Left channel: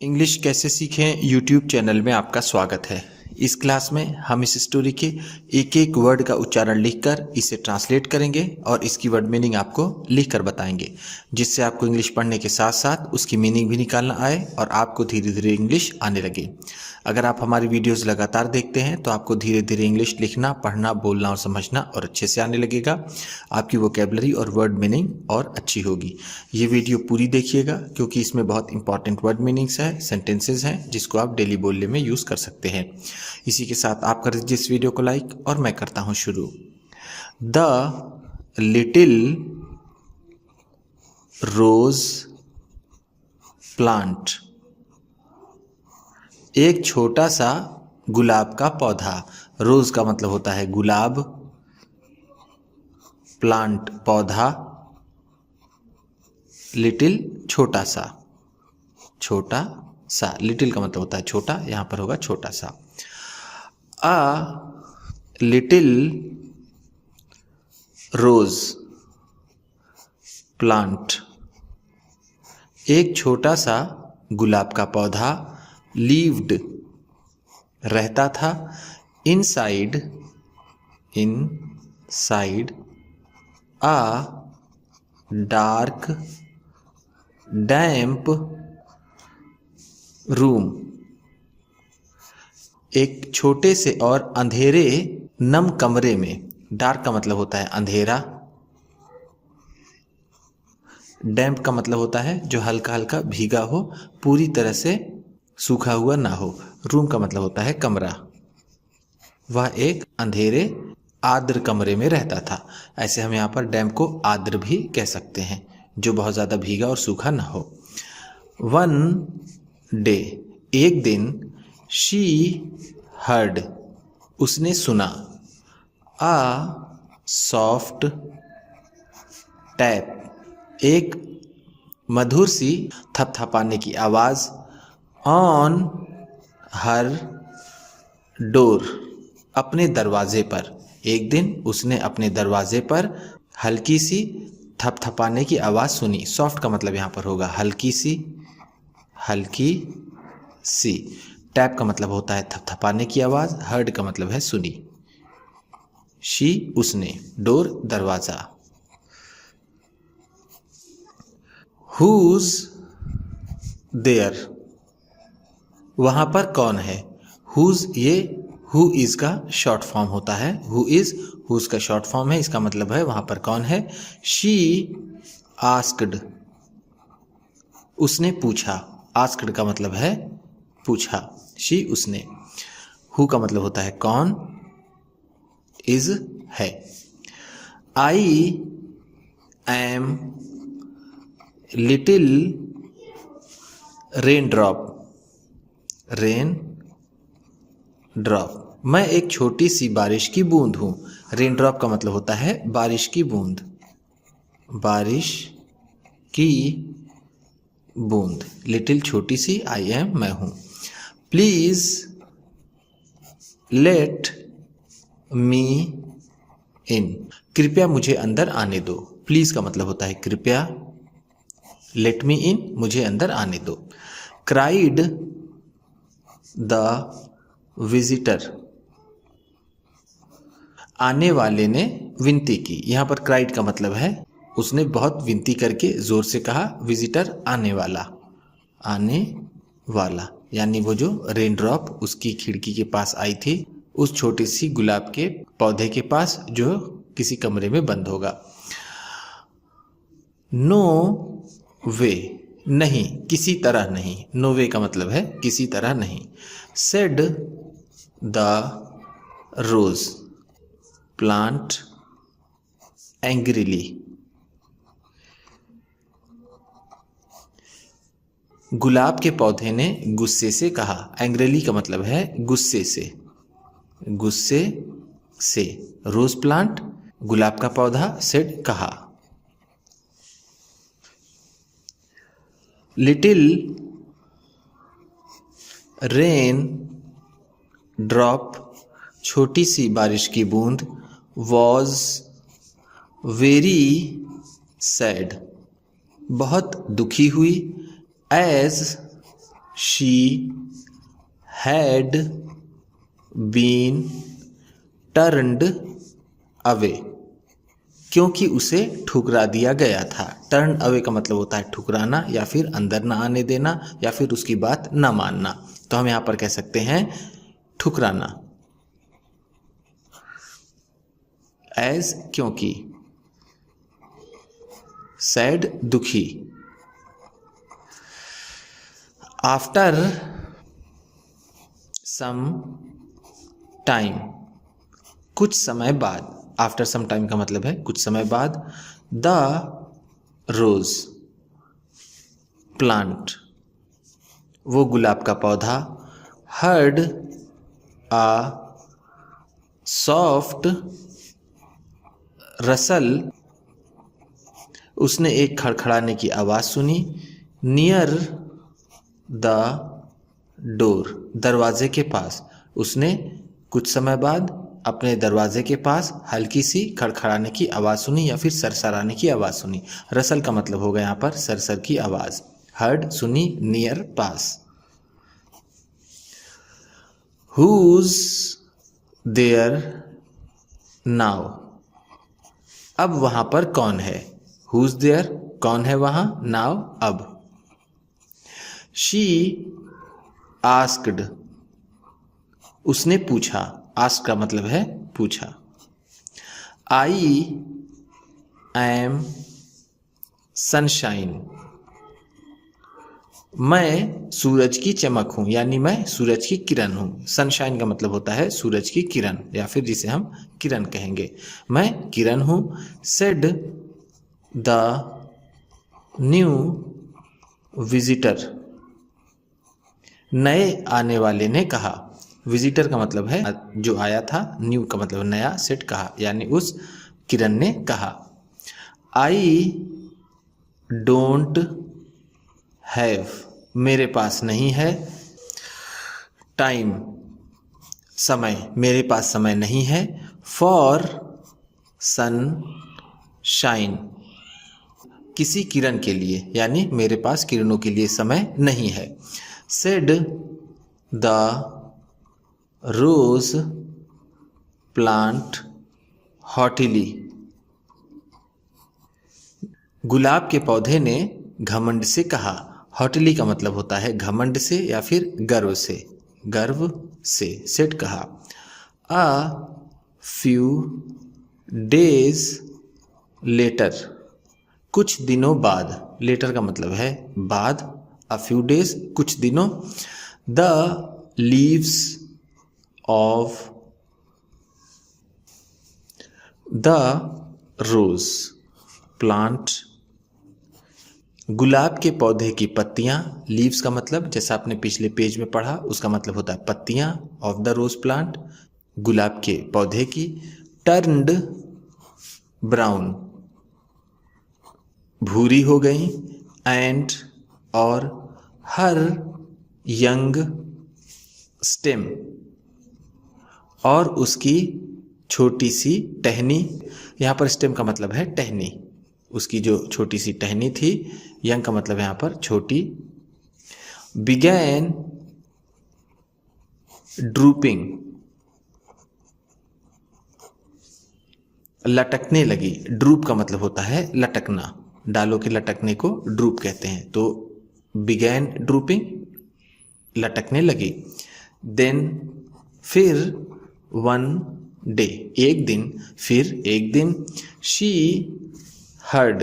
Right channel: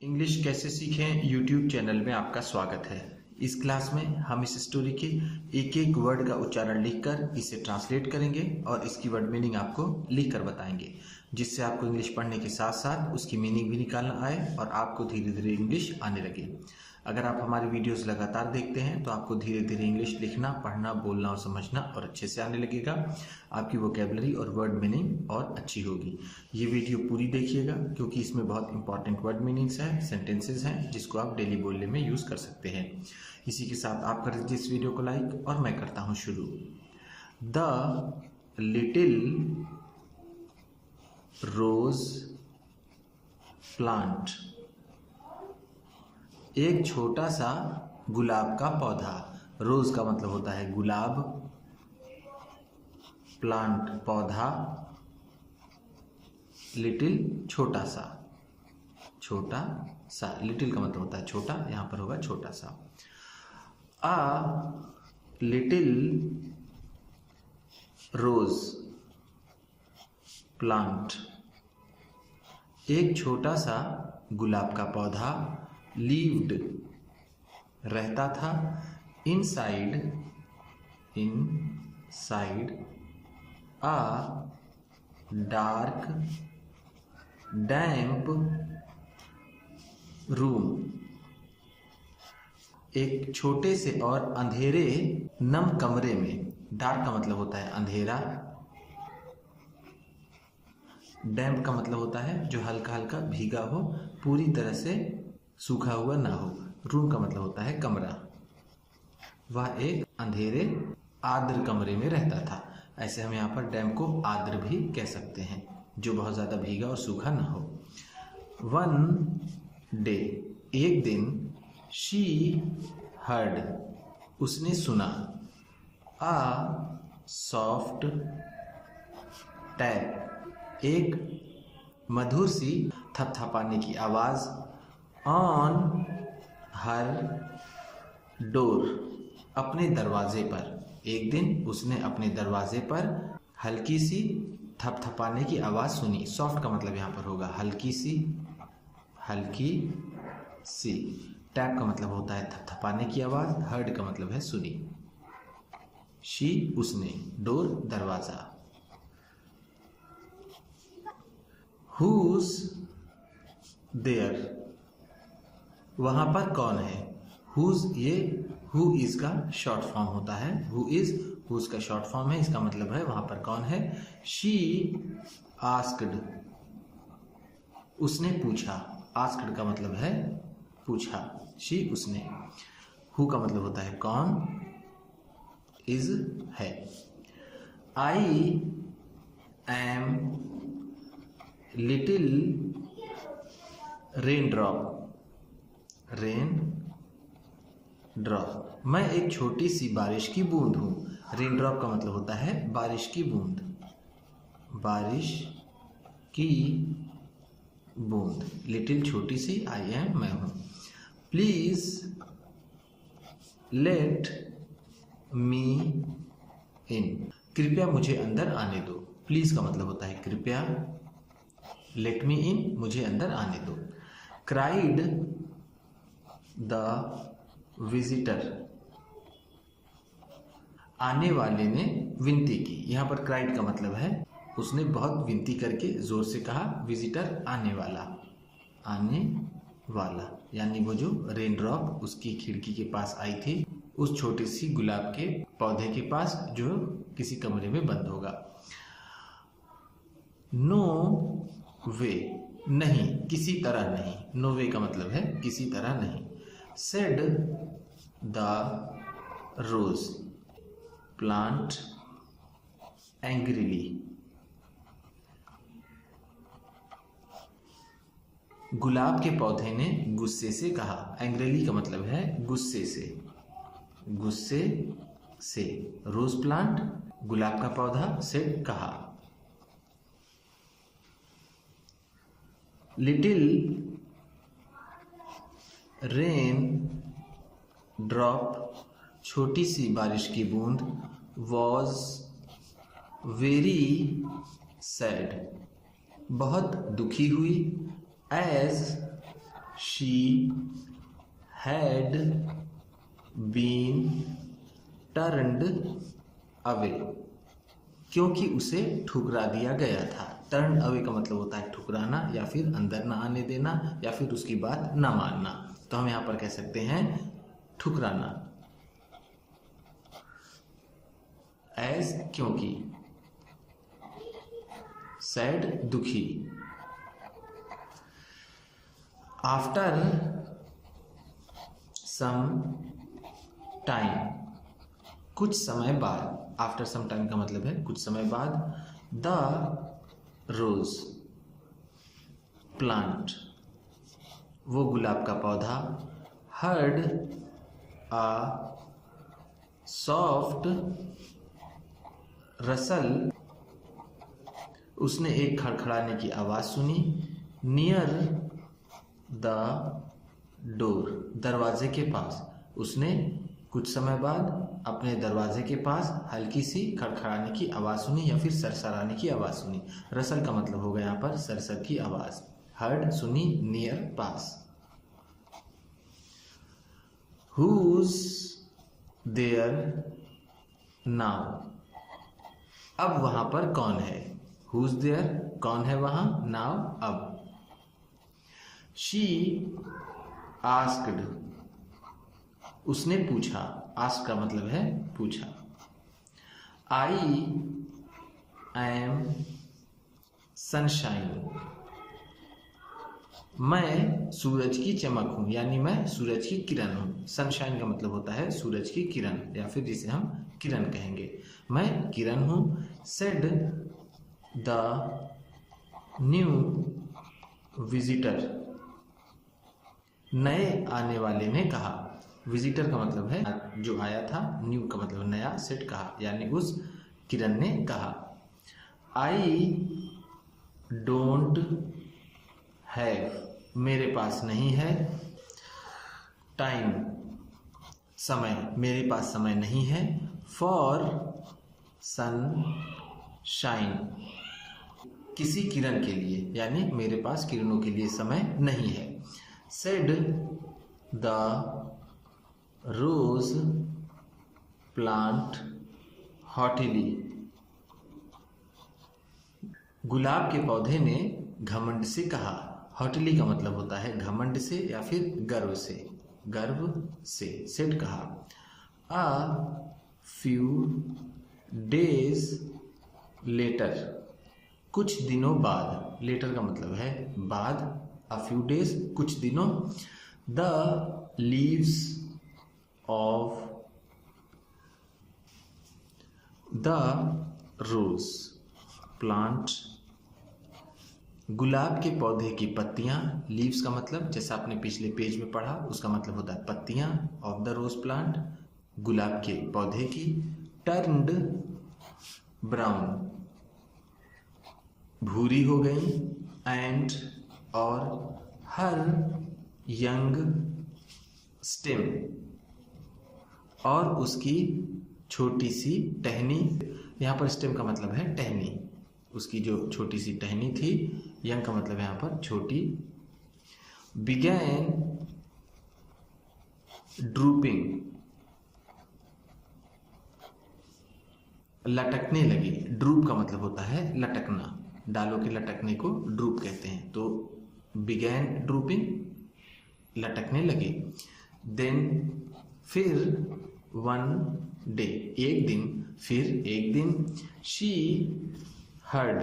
English कैसे सीखें YouTube channel में आपका स्वागत है। इस क्लास में हम इस स्टोरी के एक एक वर्ड का उच्चारण लिखकर इसे ट्रांसलेट करेंगे और इसकी वर्ड मीनिंग आपको लिखकर बताएंगे, जिससे आपको इंग्लिश पढ़ने के साथ साथ उसकी मीनिंग भी निकालना आए और आपको धीरे धीरे इंग्लिश आने लगे। अगर आप हमारी वीडियोस लगातार देखते हैं तो आपको धीरे धीरे इंग्लिश लिखना, पढ़ना, बोलना और समझना और अच्छे से आने लगेगा। आपकी वोकेबलरी और वर्ड मीनिंग और अच्छी होगी। ये वीडियो पूरी देखिएगा क्योंकि इसमें बहुत इंपॉर्टेंट वर्ड मीनिंग्स हैं, सेंटेंसेस हैं जिसको आप डेली बोलने में यूज़ कर सकते हैं। इसी के साथ आप कर दीजिए इस वीडियो को लाइक और मैं करता हूँ शुरू। द लिटिल रोज प्लांट, एक छोटा सा गुलाब का पौधा। रोज का मतलब होता है गुलाब, प्लांट पौधा, लिटिल छोटा सा। छोटा सा, लिटिल का मतलब होता है छोटा, यहाँ पर होगा छोटा सा। अ लिटिल रोज प्लांट, एक छोटा सा गुलाब का पौधा, लीव्ड रहता था, inside a dark damp room, एक छोटे से और अंधेरे नम कमरे में। डार्क का मतलब होता है अंधेरा, डैम्प का मतलब होता है जो हल्का हल्का भीगा हो, पूरी तरह से सूखा हुआ ना हो। रूम का मतलब होता है कमरा। वह एक अंधेरे आर्द्र कमरे में रहता था। ऐसे हम यहाँ पर डैम्प को आर्द्र भी कह सकते हैं, जो बहुत ज़्यादा भीगा और सूखा ना हो। वन डे, एक दिन, शी हर्ड, उसने सुना, आ सॉफ्ट टैप, एक मधुर सी थपथपाने की आवाज़, ऑन हर डोर, अपने दरवाजे पर। एक दिन उसने अपने दरवाजे पर हल्की सी थपथपाने की आवाज़ सुनी। सॉफ्ट का मतलब यहाँ पर होगा हल्की सी, हल्की सी। टैप का मतलब होता है थपथपाने की आवाज़, हर्ड का मतलब है सुनी। शी उसने, डोर दरवाज़ा। हुज देयर, वहाँ पर कौन है। हुज, ये हु इज़ का शॉर्ट फॉर्म होता है। हु इज़ हुज का शॉर्ट फॉर्म है, इसका मतलब है वहाँ पर कौन है। शी आस्क्ड, उसने पूछा। आस्क्ड का मतलब है पूछा। शी उसने। हु का मतलब होता है कौन, इज है। I am little rain drop, rain drop, मैं एक छोटी सी बारिश की बूंद हूँ। रेन ड्रॉप का मतलब होता है बारिश की बूंद, बारिश की बूंद। लिटिल छोटी सी, आई एम मैं हूँ। प्लीज लेट मी इन, कृपया मुझे अंदर आने दो। प्लीज का मतलब होता है कृपया, लेट मी इन मुझे अंदर आने दो। क्राइड द विजिटर, आने वाले ने विनती की। यहाँ पर क्राइड का मतलब है उसने बहुत विनती करके जोर से कहा। विजिटर आने वाला, आने वाला यानी वो जो रेन ड्रॉप उसकी खिड़की के पास आई थी, उस छोटी सी गुलाब के पौधे के पास जो किसी कमरे में बंद होगा। नो वे, नहीं, किसी तरह नहीं। नो वे का मतलब है किसी तरह नहीं। Said the rose plant angrily, गुलाब के पौधे ने गुस्से से कहा। एंग्रीली का मतलब है गुस्से से, गुस्से से। रोज प्लांट गुलाब का पौधा, सेड कहा। लिटिल रेन ड्रॉप, छोटी सी बारिश की बूंद, वॉज वेरी सैड, बहुत दुखी हुई। As she had been turned away, क्योंकि उसे ठुकरा दिया गया था। टर्न अवे का मतलब होता है ठुकराना या फिर अंदर ना आने देना या फिर उसकी बात ना मानना। तो हम यहाँ पर कह सकते हैं ठुकराना। एज क्योंकि, सैड दुखी, आफ्टर सम टाइम कुछ समय बाद, आफ्टर सम टाइम का मतलब है कुछ समय बाद। द रोज प्लांट वो गुलाब का पौधा। हर्ड आ सॉफ्ट रसल उसने एक खड़खड़ाने की आवाज़ सुनी। नियर द डोर दरवाजे के पास, उसने कुछ समय बाद अपने दरवाजे के पास हल्की सी खड़खड़ाने की आवाज़ सुनी या फिर सरसराने की आवाज़ सुनी। रसल का मतलब होगा यहाँ पर सरसर की आवाज़। हर्ड सुनी, नियर पास। हुज देयर नाउ अब वहाँ पर कौन है। हुज देयर कौन है वहाँ, नाउ अब। शी आस्क्ड उसने पूछा, आस्क का मतलब है पूछा। आई एम सनशाइन मैं सूरज की चमक हूँ, यानी मैं सूरज की किरण हूँ। सनशाइन का मतलब होता है सूरज की किरण या फिर जिसे हम किरण कहेंगे। मैं किरण हूँ। सेड द न्यू विजिटर नए आने वाले ने कहा। विजिटर का मतलब है जो आया था, न्यू का मतलब नया, सेट कहा यानी उस किरण ने कहा। आई डोंट हैव मेरे पास नहीं है। टाइम समय मेरे पास समय नहीं है। फॉर सन शाइन किसी किरण के लिए, यानी मेरे पास किरणों के लिए समय नहीं है। सेड द रोज प्लांट हॉटिली गुलाब के पौधे ने घमंड से कहा। हॉटिली का मतलब होता है घमंड से या फिर गर्व से, गर्व से सेट कहा। अ फ्यू डेज लेटर कुछ दिनों बाद, लेटर का मतलब है बाद, अ फ्यू डेज कुछ दिनों। The leaves of the rose plant गुलाब के पौधे की पत्तियां। लीव्स का मतलब जैसा आपने पिछले पेज में पढ़ा उसका मतलब होता है पत्तियां। ऑफ द रोज प्लांट गुलाब के पौधे की। टर्न्ड ब्राउन भूरी हो गई। एंड और हर यंग स्टेम और उसकी छोटी सी टहनी। यहाँ पर स्टेम का मतलब है टहनी, उसकी जो छोटी सी टहनी थी। यंग का मतलब यहाँ पर छोटी। बिगैन ड्रूपिंग लटकने लगी। ड्रूप का मतलब होता है लटकना, डालों के लटकने को ड्रूप कहते हैं। तो बिगैन ड्रूपिंग लटकने लगी। देन फिर वन डे एक दिन, फिर एक दिन। शी हर्ड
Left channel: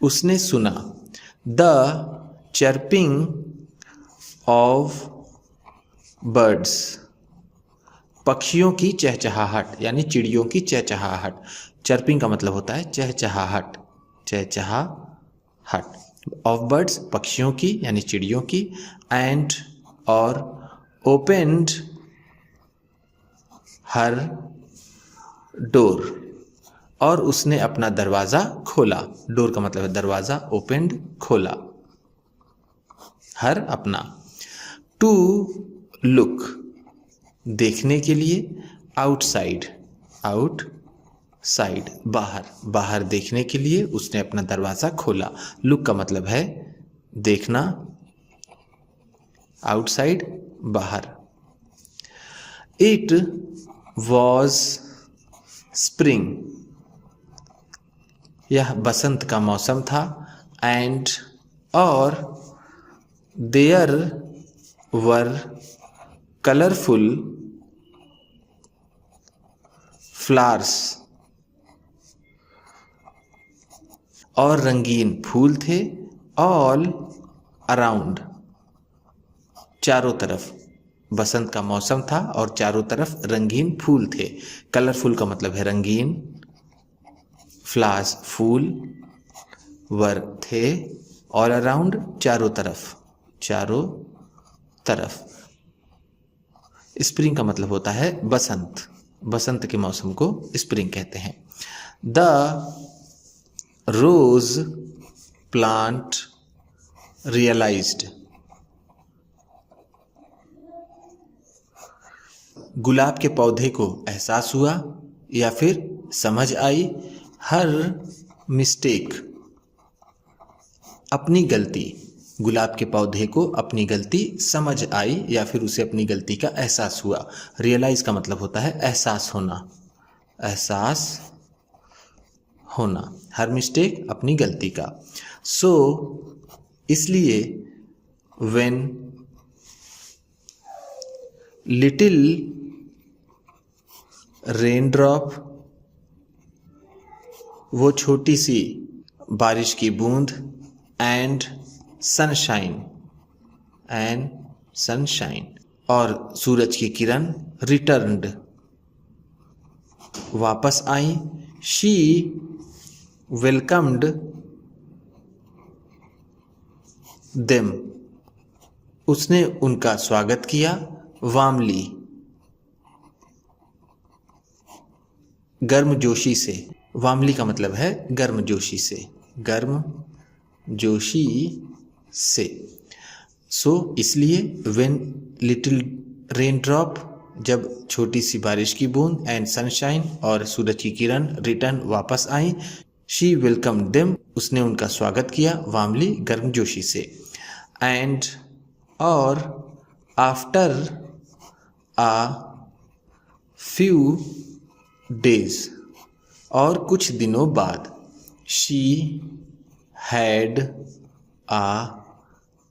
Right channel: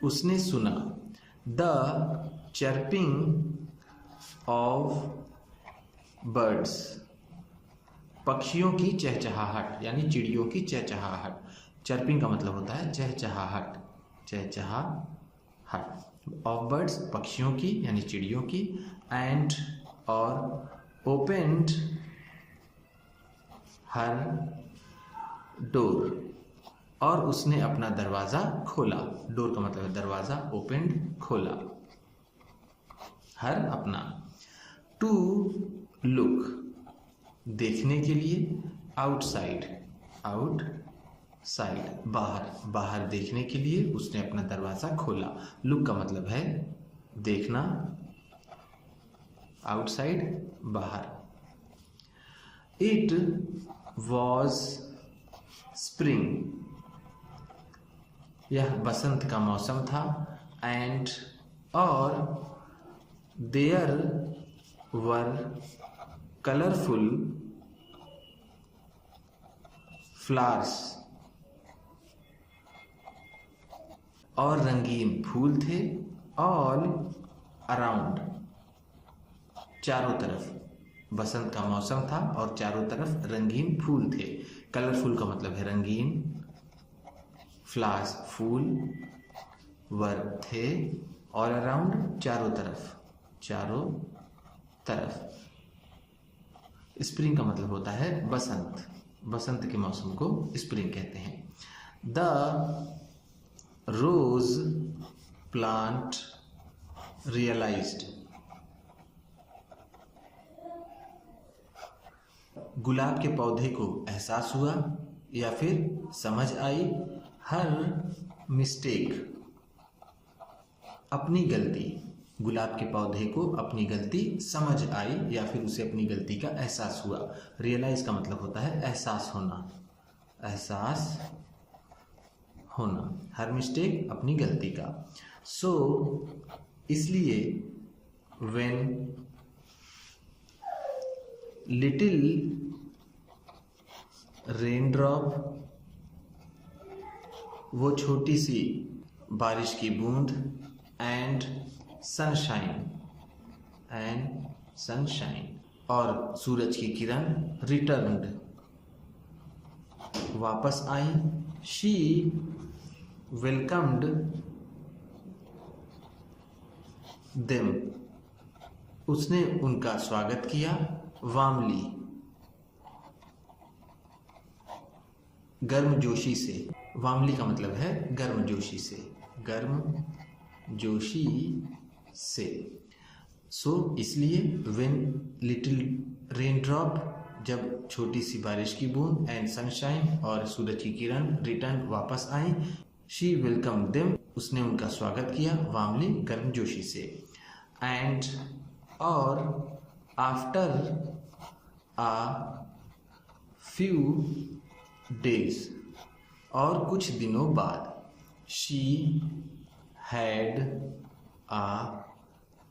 उसने सुना। द चर्पिंग ऑफ बर्ड्स पक्षियों की चहचहाहट यानी चिड़ियों की चहचहाहट। चर्पिंग का मतलब होता है चहचहाहट, चहचहाहट। ऑफ बर्ड्स पक्षियों की यानी चिड़ियों की। एंड और ओपेंड हर डोर और उसने अपना दरवाज़ा खोला। डोर का मतलब है दरवाज़ा, ओपेंड खोला। हर अपना। टू लुक देखने के लिए। आउटसाइड आउटसाइड बाहर, बाहर देखने के लिए उसने अपना दरवाज़ा खोला। लुक का मतलब है देखना। आउटसाइड बाहर। इट वॉज स्प्रिंग, यह बसंत का मौसम था। एंड और देयर वर कलरफुल फ्लावर्स, और रंगीन फूल थे। ऑल अराउंड, चारों तरफ। बसंत का मौसम था और चारों तरफ रंगीन फूल थे। कलरफुल का मतलब है रंगीन, फ्लावर्स फूल, वर थे, ऑल अराउंड चारों तरफ, चारों तरफ। स्प्रिंग का मतलब होता है बसंत, बसंत के मौसम को स्प्रिंग कहते हैं। द रोज प्लांट रियलाइज्ड, गुलाब के पौधे को एहसास हुआ या फिर समझ आई। हर मिस्टेक, अपनी गलती, गुलाब के पौधे को अपनी गलती समझ आई या फिर उसे अपनी गलती का एहसास हुआ। रियलाइज का मतलब होता है एहसास होना, एहसास होना। हर मिस्टेक, अपनी गलती का। सो इसलिए व्हेन लिटिल रेनड्रॉप, वो छोटी सी बारिश की बूंद, एंड सनशाइन, और सूरज की किरण, रिटर्न्ड, वापस आई। शी वेलकम्ड देम, उसने उनका स्वागत किया। वार्मली, गर्मजोशी से। वार्मली का मतलब है गर्मजोशी से, गर्मजोशी से। सो इसलिए व्हेन लिटिल रेन ड्रॉप, जब छोटी सी बारिश की बूंद, एंड सनशाइन, और सूरज की किरण, रिटर्न, वापस आई। शी वेलकम देम, उसने उनका स्वागत किया। वार्मली, गर्मजोशी से। एंड और आफ्टर आ फ्यू डेज, और कुछ दिनों बाद। She had a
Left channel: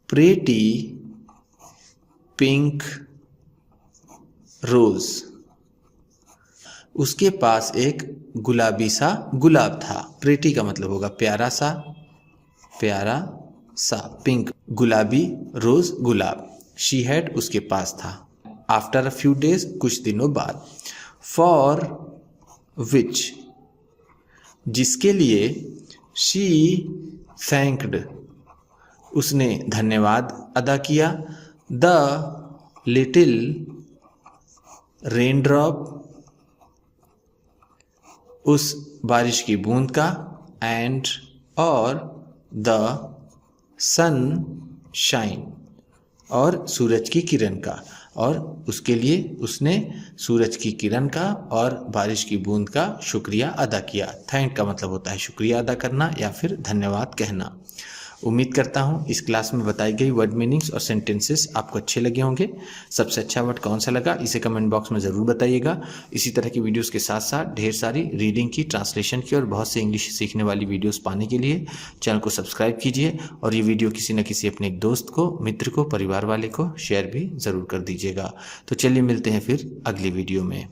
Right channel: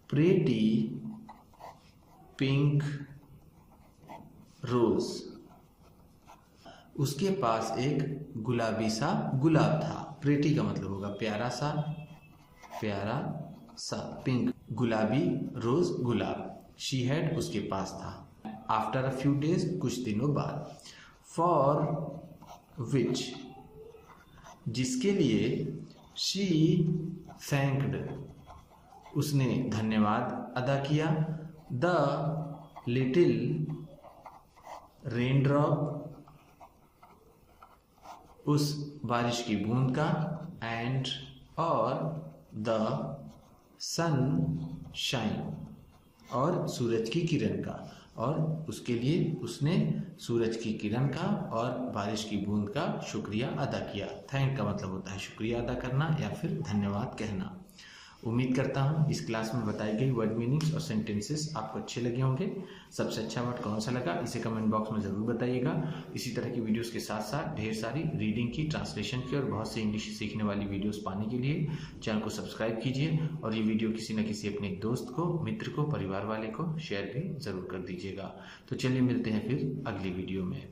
pretty pink rose, उसके पास एक गुलाबी सा गुलाब था। प्रेटी का मतलब होगा प्यारा सा, प्यारा सा। पिंक गुलाबी, रोज गुलाब। शी हैड उसके पास था। आफ्टर अ फ्यू डेज, कुछ दिनों बाद। फॉर विच, जिसके लिए। शी थैंक्ड, उसने धन्यवाद अदा किया। द लिटिल रेनड्रॉप, उस बारिश की बूंद का। एंड और द सन शाइन, और सूरज की किरण का। और उसके लिए उसने सूरज की किरण का और बारिश की बूंद का शुक्रिया अदा किया। थैंक का मतलब होता है शुक्रिया अदा करना या फिर धन्यवाद कहना। उम्मीद करता हूँ इस क्लास में बताई गई वर्ड मीनिंग्स और सेंटेंसेस आपको अच्छे लगे होंगे। सबसे अच्छा वर्ड कौन सा लगा इसे कमेंट बॉक्स में ज़रूर बताइएगा। इसी तरह की वीडियोस के साथ साथ ढेर सारी रीडिंग की, ट्रांसलेशन की और बहुत से इंग्लिश सीखने वाली वीडियोस पाने के लिए चैनल को सब्सक्राइब कीजिए और ये वीडियो किसी न किसी अपने एक दोस्त को, मित्र को, परिवार वाले को शेयर भी ज़रूर कर दीजिएगा। तो चलिए मिलते हैं फिर अगली वीडियो में।